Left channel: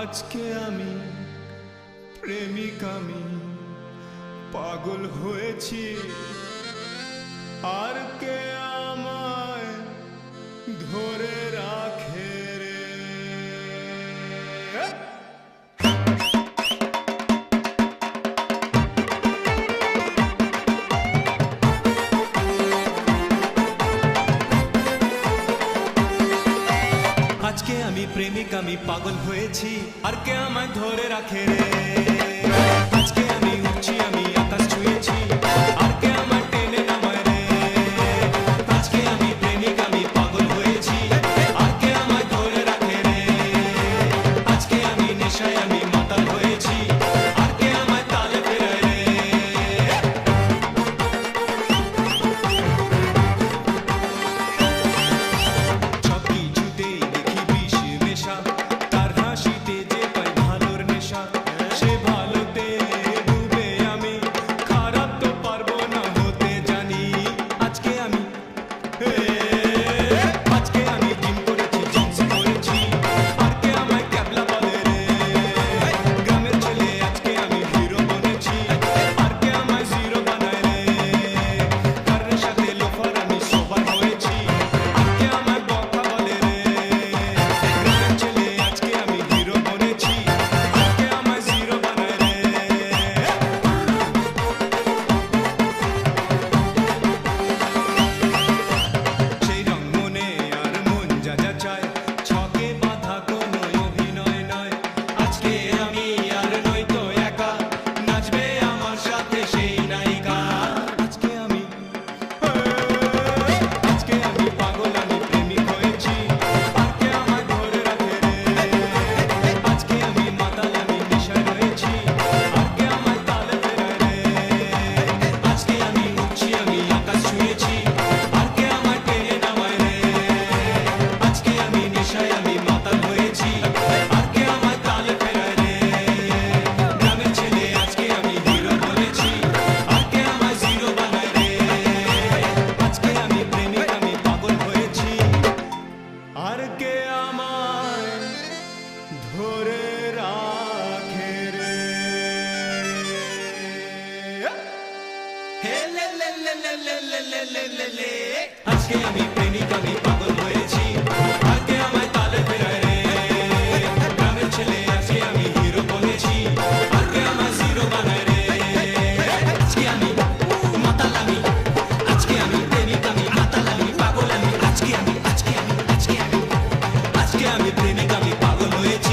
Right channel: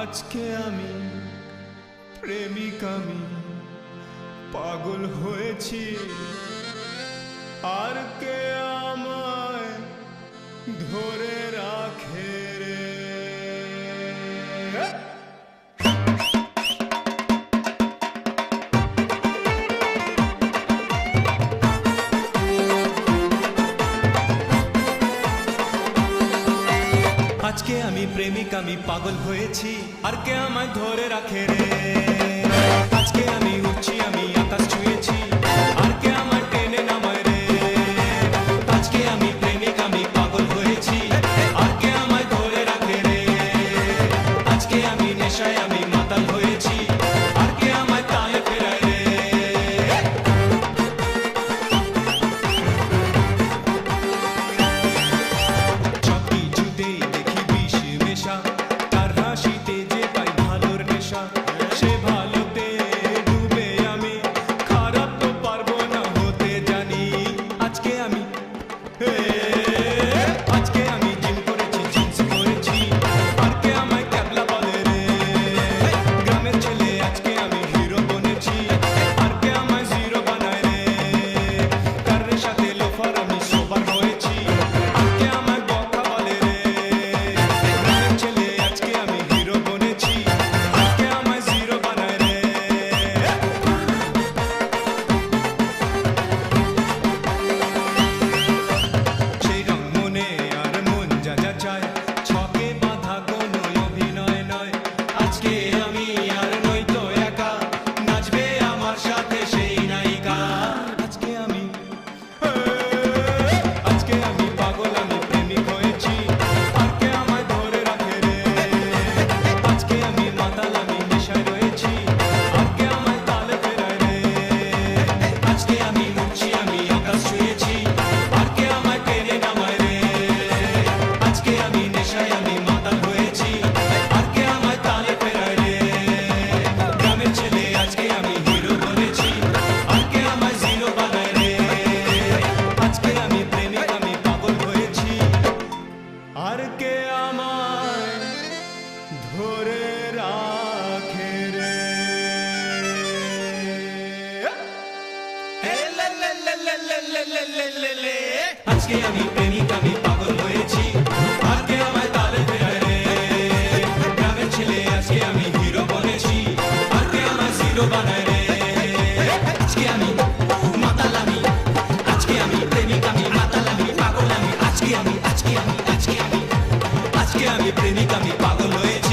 আজকে আমি প্রেমিক, আমি পাগল হয়েছি, আর কে আমায় ধরে রাখে রে। আজকে আমি প্রেমিক, আমি পাগল হয়েছি, আর কে আমায় ধরে রাখে রে। আজকে আমি উঠছি, আমি আকাশ ছুঁয়েছি, আর কে আমায় টেনে নামায় রে। আজকে আমি প্রেমিক, আমি পাগল হয়েছি, আর কে আমায় ধরে রাখে রে। আজকে আমি নেশায়, আমি মাতাল হয়েছি, আর কে আমায় তালে ফেরায় রে। সব কিছুতেই দেখি বিষ মেশা, তার হাসিতে যে পাই ভালোর নেশা, সে ভালোতে ডুবে আমি, খারাপ তো পারবো না হতে জানি। আজকে আমি আজকে আমি জিম করেছি, জিন্স পরেছি, আর কে আমায় ক্যাবলা বলে রে। গ্রামের ছেলে আজকে আমি হিরো বনেছি, আর কে আমায় জিরো বানায় রে। কারের সাথে লোফার আমি সোবার হয়েছি, আর কে আমায় বকা বলে রে। গ্রামের ছেলে আজকে আমি হিরো বনেছি, আর কে আমায় জিরো বানায় রে। সেই রং মনে আর মন যা যা চায়, ছকে বাঁধা কোনো অভিনয় নয়। আজকে আমি আর নই তো একা, নাচবে আমার সাথে সেই নায়িকা। আজকে আমি পাগল, আমি প্রেমিক হয়েছি, আর কে আমায় ধরে রাখে রে। আজকে আমি মাতাল, আমি নেশায় রয়েছি, আর কে আমায় তালে ফেরায় রে। আজকে আমি উঠছি, আমি আকাশ ছুঁয়েছি, আর কে আমায় টেনে নামায় রে। আজকে আমি নেশায়, আমি মাতাল হয়েছি, আর কে আমায় তালে ফেরায় রে। গ্রামের ছেলে আজকে আমি হিরো বলেছি, আর কে আমায় জিরো বানায় রে। আজকে আমি প্রেমিক, আমি পাগল হয়েছি, আর কে আমায় ধরে রাখে রে। আজকে আমি প্রেমিক, আমি পাগল হয়েছি, আর কে আমায় তালে ফেরায় রে। গ্রামের ছেলে আজকে আমি হিরো বনেছি, আর কে আমায় জিরো বানায় রে। আজকে আমি মাতাল, আমি আজকে আমি প্রেমিক, আমি মাতাল, আমি পাগল, আমি আজকে আমি প্রেমিক, আমি পাগল হয়েছি।